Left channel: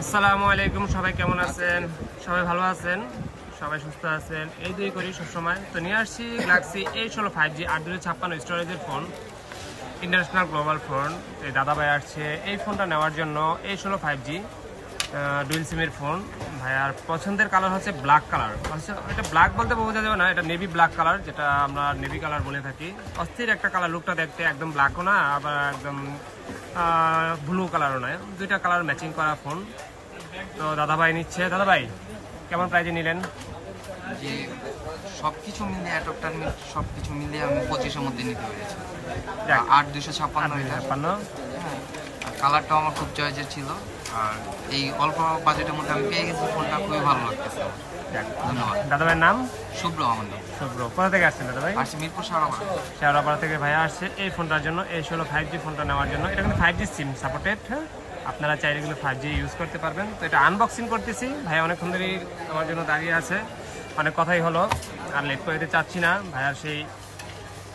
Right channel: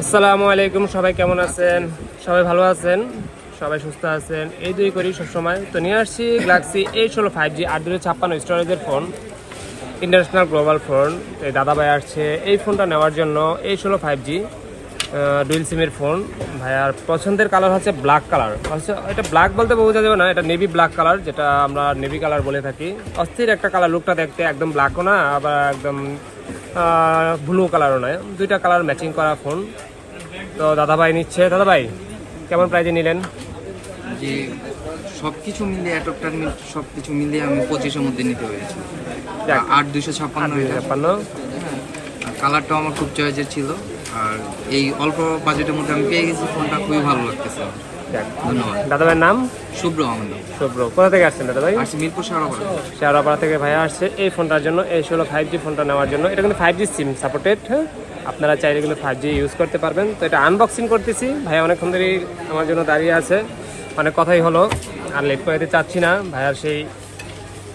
আসসালামু আলাইকুম, সবাই কেমন আছেন? সবাই ভালো আছেন, সবাই সুস্থ আছেন, এই দুই করি সবসময়। তো নিয়ে আসছি গ্যালাক্সি A16 5G 856 স্টোরেজের ফোন, ইন্টারন্যাশনাল গ্লোবাল ফোন। এই দাদাভাই আসছে এই ফোনটা নেওয়ার জন্য। A16 5G ডুয়েল সিমের ফোন। ভাইয়ার পছন্দের কালার হচ্ছে ব্ল্যাক কালার। এটা ব্ল্যাক বলতে বোঝা যাবে না, এটা নেভি ব্ল্যাক কালার, যেটা আমরা নেভি কালার বলে থাকি। অস্থির একটা কালার, লুকটা দেখতে একদম ব্ল্যাকও না, আবার একদম ব্লু কালারও নয়, দুইটা কালার ম্যাচিং করা ফোন। তো দাদাভাই নিচ্ছে। দাদাভাই কেমন প্রাইজে নিলেন? যে সবকিছু মিলিয়ে অ্যাডাপ্টার সবকিছু মিলিয়ে আমি 25-এর মধ্যে নিতে পেরেছি। 8256 কালারটাও আমার খুব চয়েসের ছিল, আর এই অল্প বাজেটের মধ্যে আমি পেয়ে গেছি ফোনটা, খুবই ভালো লাগতেছে। ধন্যবাদ। দাদাভাইয়ের নাম শুভ্র। আমার নাম শুভ্র। কোথা থেকে আসছেন দাদাভাই? আসছি মিরপুর শেওড়াপাড়া। শেওড়াপাড়া থেকে ভাইয়া আসছে এই ফোনটার জন্য, A16 5G ফোনটা নেওয়ার জন্য। এটা কিন্তু 5G সিম সাপোর্টেড, হ্যাঁ, আপনারা চাইলে কিন্তু 5G ইউজ করতে পারবেন। তো এটা আনবক্সিং করতেছি। ভাইয়া অনেকক্ষণ ধরেই আমার জন্য দাঁড়িয়ে আছে, অনেক কথাই হলো, আর লেট করে দিতে চাচ্ছি না। ভাইয়ার সেই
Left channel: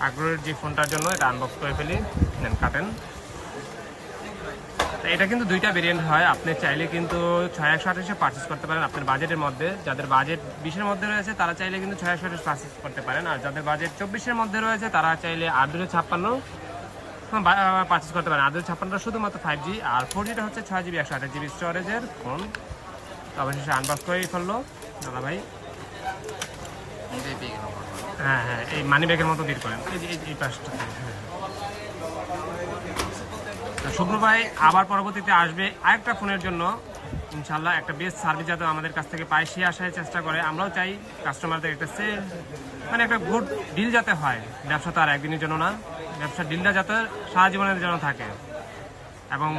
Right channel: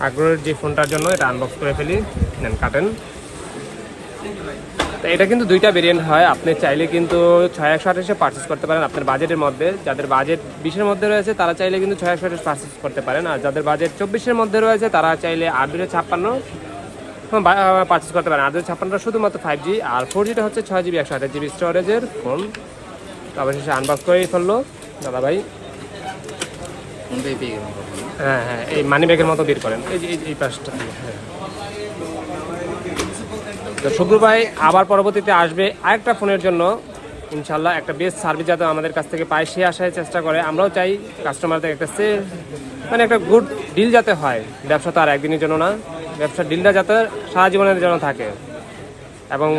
আগ্রহের যে ফোনটার জন্য এটা আনবক্স করে ফেলি। নেন, কাটেন। তো এটা কিন্তু দুইটা ভেরিয়েন্ট হয়, আপনি চাইলে কিন্তু 6128-এ পারচেস করতে পারেন আপনার বাজেটের মধ্যে। যাদের বাজেট 20-এর মধ্যে রয়েছে তারা চাইলে কিন্তু 6128 পারচেস করতে পারেন, আর যাদের বাজেট 24-এর মধ্যে রয়েছে তারা চাইলে 8256 পারচেস করতে পারেন। 8256 শুধুমাত্র 5G, আর 4Gটা হচ্ছে 6GB 128GB স্টোরেজের ফোন। তো অবশেষে আনবক্স করেই ফেললো দাদাভাই। হ্যাঁ হ্যাঁ, এই মানি ব্যাগের মতো বের করেন, এই পাশটা। হ্যাঁ, তো শুভ্র ভাই আবার পরবর্তীতে আসবে আরেকটা ফোনের জন্য ইনশাল্লাহ। একটা বেস্ট সার্ভিস যাতে আমাদের কাছ থেকে পায় সে আশায় চেষ্টা করে। আমরাও চাই কাস্টমারদের একটা মানে একটা গুড ডিল যাতে হয়। ব্যবসা তো আর একদিনের জন্য না, ব্যবসার ডিলটা যাতে সারা জীবনের জন্য থাকে, এবং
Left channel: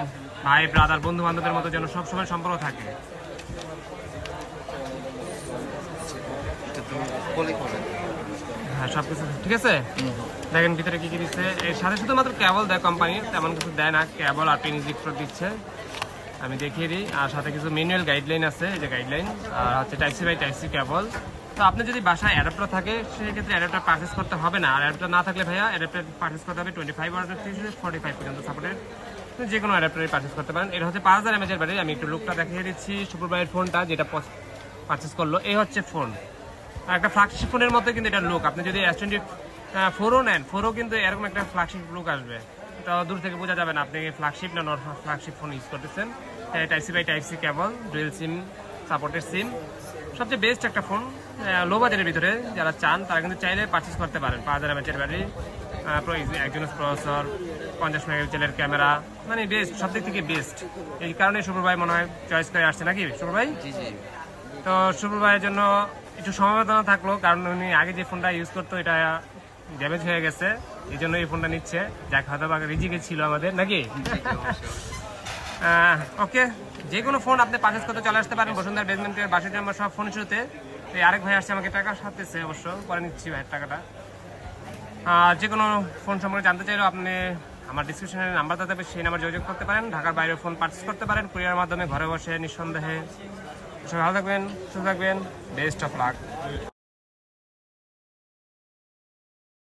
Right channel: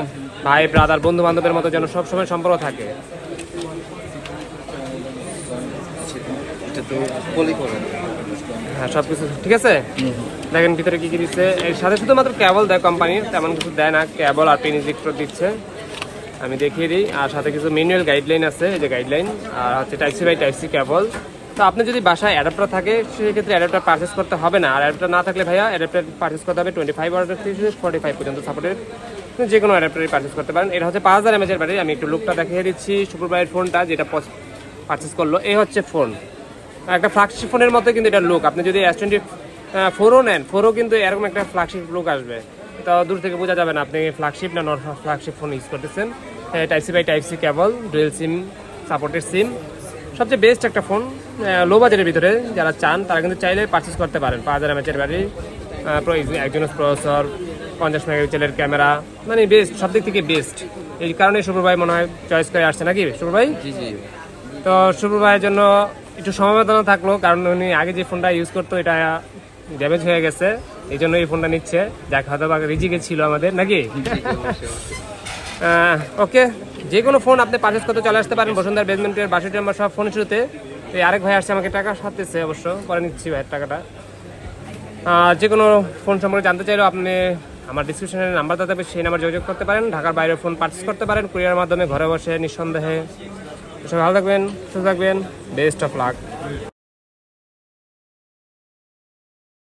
ভাই ব্রাদার বন্ধু বান্ধবের মতো যেন সবসময় সম্পর্ক থাকে। হ্যাঁ, সবকিছু ঠিক আছে। দেখেন ভিতরে কি কি দিচ্ছে। এর সাথে শুধুমাত্র কেবল দেয় কোম্পানি, তেমন কিছু দেয় না। কেবল আর পেন ইজেক্টর দিচ্ছে, আমি দেখিয়ে দিই। আর সাথে কিছু ম্যানুয়াল গাইডলাইন আছে, এই যে গাইডলাইন, আর হচ্ছে টাইপ-সি বাই টাইপ-সি কেবল। তো আপনি যদি বাসায় অ্যাডাপ্টার থাকে সেক্ষেত্রে অ্যাডাপ্টার পারচেস করতে হবে না, আর অ্যাডাপ্টার না থাকলে ভাইয়া অ্যাডাপ্টার পারচেস করতে হবে 25 ওয়াট থেকে 45 পর্যন্ত সাপোর্টেড, যে কোনো অ্যাডাপ্টারই পারচেস করতে পারেন। এটা হচ্ছে 5000 mAh এর ব্যাটারি। আমি একটু লুকটা দেখিয়ে দিচ্ছি। শুভ্র ভাইয়ের ফোনটা যেটা পারচেস করলো, এই হচ্ছে ফোন। একটা ফ্ল্যাগশিপ ফোনের মতো কিন্তু এটা লুক। আপনি যদি S24 নেন, 4ও কিন্তু এরকম একটা ফ্ল্যাগশিপ লুক আসবে। তো দূর থেকে বোঝা যাবে না আপনি ফ্ল্যাগশিপ না নন ফ্ল্যাগশিপ ফোন ইউজ করতেছেন। Type C by type C cable, dual sim supported sim, সবচেয়ে বেস্ট একটা ফোন। লো বাজেটের ভিতরে যারা চান তারা কিন্তু চাইলে পারচেস করতে পারেন। 5000 mAh এর ব্যাটারি, একজনের প্রসেসর, 50 মেগাপিক্সেলের ক্যামেরা, মানে বেস্ট, সব দিক থেকে বেস্ট। এই কারণে শুভ্র ভাই মনে হয় চয়েস করে আসছে, নাকি শুভ্র ভাই? তো শুভ্র ভাইয়ের জন্য একটু সমবেদনা থাকলো, কারণ উনি আগে যে ফোনটা ইউজ করতো এটা ড্যামেজ হয়ে গেছে, এই জন্য এই ফোনটা নিচ্ছে। যাক, হয়তো বা রিজিকে ছিল আমাদের, নাকি? ওকে, যে কোনো ফোন আপনি পারচেস করতে চলে আসতে পারেন বসুন্ধরা বেসমেন্টের 62 নম্বর সব ফোন শুরুতে। এই আরেক ভাই আসছে, আমাকে টাকা সাথেছে, অবশ্য পরে নিচ্ছি ভাইয়ের টাকাটা। যে কোনো ফোন সম্পর্কে জানতে চাইলেও আপনি আমার ডিসক্রিপশনের নাম্বার থাকবে, সেই নাম্বার যোগাযোগ করতে পারেন। ঢাকার বাইরে ফোন পারচেস করতে পারেন কুরিয়ার মাধ্যমে, ঘরে বসে নিঃসন্দেহে। সবাই ভালো থাকবেন, সুস্থ থাকবেন, বেস্ট অফ লাক।